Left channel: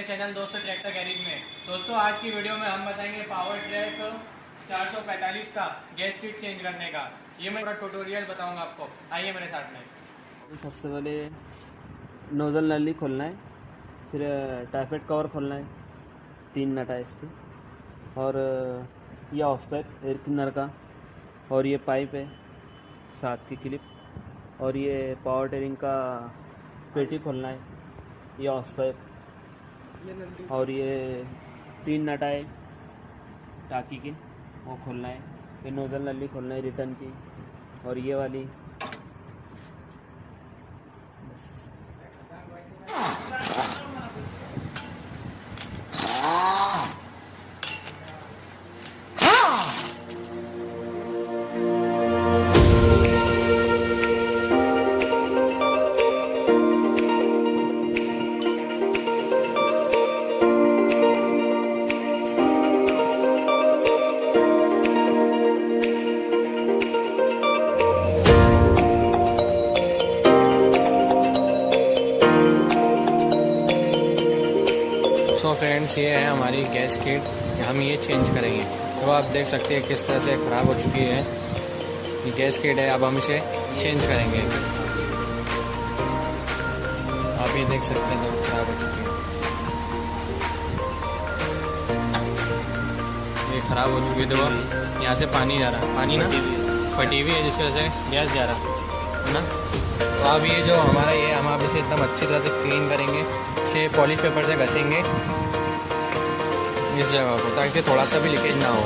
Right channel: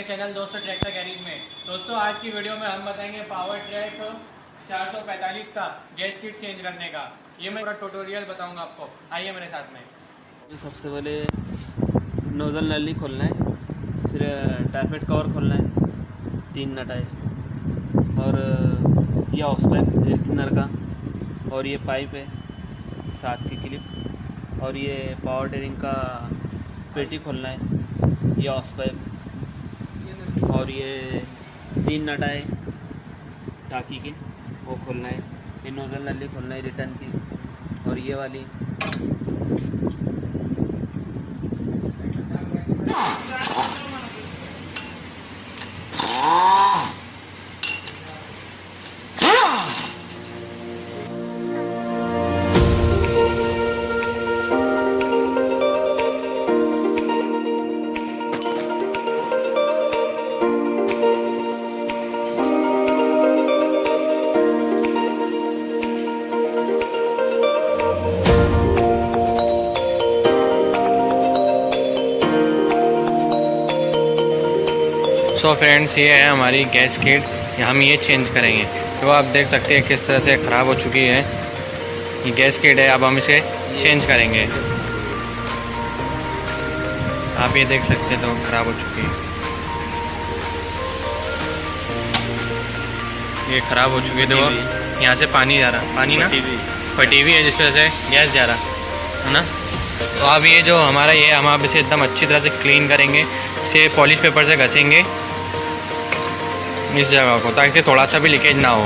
अपने चैनल दोस्तों tractor garage में। दोस्तों आज की वीडियो में हम बताएंगे पावर ट्रैक 445 का गैस किट चेंज करने का। ये मैं पूरा ट्यूटोरियल बताऊंगा आपको, आइए मेरे साथ में। सबसे पहले नोज़ल नली खोलना है, फिर टारपेट कवर खोलना है, 3 नट है इसका, और ये हॉस पाइप एयर क्लीनर का, और ये पाइप है 7 की क्लिप, और ये पावर टेरिंग का पेटी खोलना है, ये हॉस पाइप, और ये 3 नट है टाकी की, वो खोलना है, ये नोज़ल नली खोलना है रिटर्न की, और ये वाली सो फ्रेंड्स, ये है हमारी गैस किट, हम ये चेंज करेंगे। तो आप देख सकते हैं किस तरह से ख़राब हो चुकी है ये गैस किट है। अब हम इसे चेंज करेंगे। आप ये देख सकते हैं, तो ख़राब हो चुकी है, ये ख़राब हो चुकी है। देखो यहाँ से पानी जा रहा, पानी ना फटी हुई है, जिस वजह से गैस जा रहा है ना। तो अब ये जो हमारा ये हम आप इसे एकदम अच्छी तरह से क्लीन करेंगे, इसे पॉलिश पेपर से घसेंगे इस जगह को, ताकि थोड़ा सा भी लीकेज ना हो।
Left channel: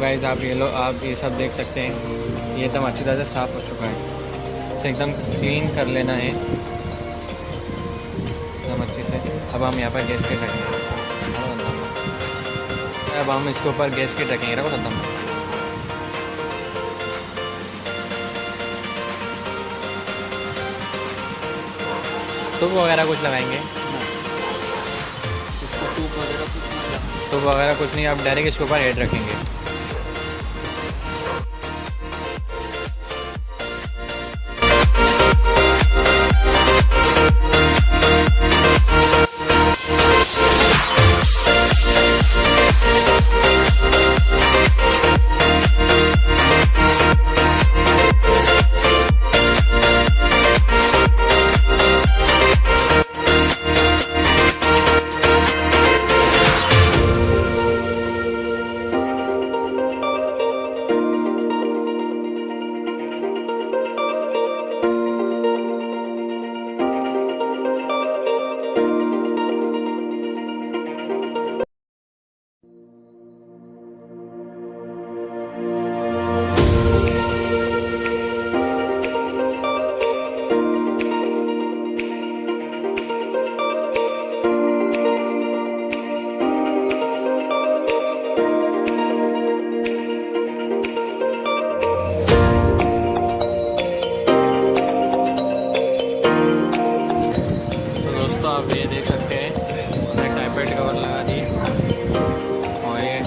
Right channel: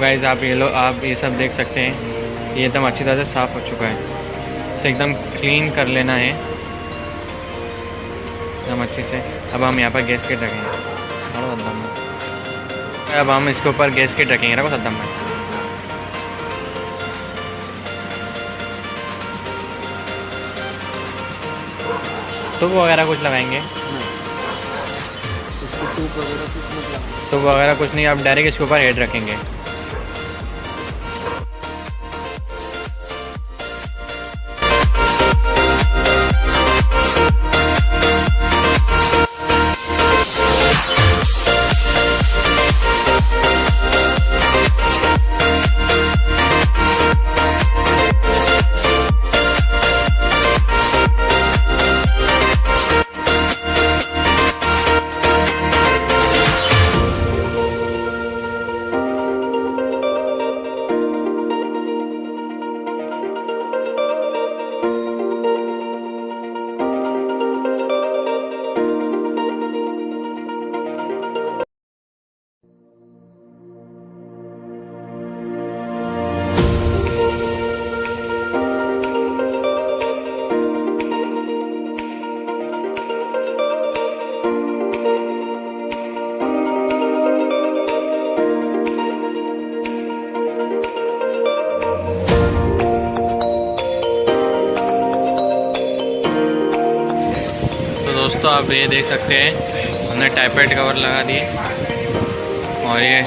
गाइस आप ये सब देख सकते हैं, ये एकदम अच्छी तरह से साफ़ हो चुका है। इसे एकदम क्लीन कर लेना है एकदम अच्छे से। अब हम यहाँ पर गैस किट रखेंगे, अब हम इसके ऊपर गैस किट रखेंगे ना एकदम। तो वो वगैरह कुछ लगाएंगे, तो वो वगैरह कुछ नहीं, आप डायरेक्ट इसके ऊपर हेड रखेंगे। दोस्तों आप ये देख सकते हैं, हमने टाइपेट कवर लगा दिए और ये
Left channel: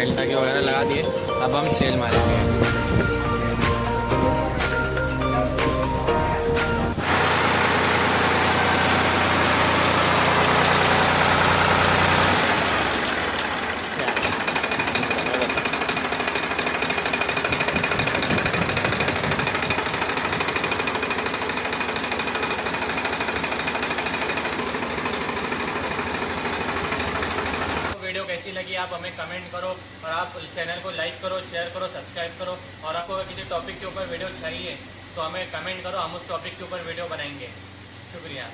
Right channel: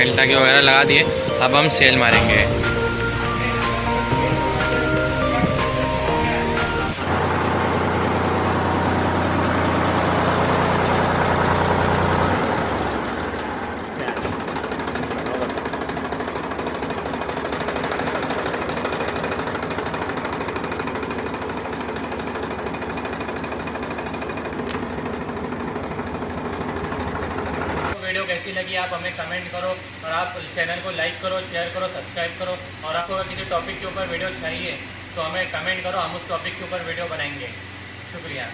एल टाकी वगैरह लगा दिए। अब हम सेल मारेंगे। लगी आप हमें कमेंट करो, और आप चैनल को लाइक करो, शेयर करो, सब्सक्राइब करो। और आपको अगर किसी टॉपिक के ऊपर वीडियो चाहिए तो हमें कमेंट करो, हम उस टॉपिक के ऊपर वीडियो बनाएंगे। शुक्रिया।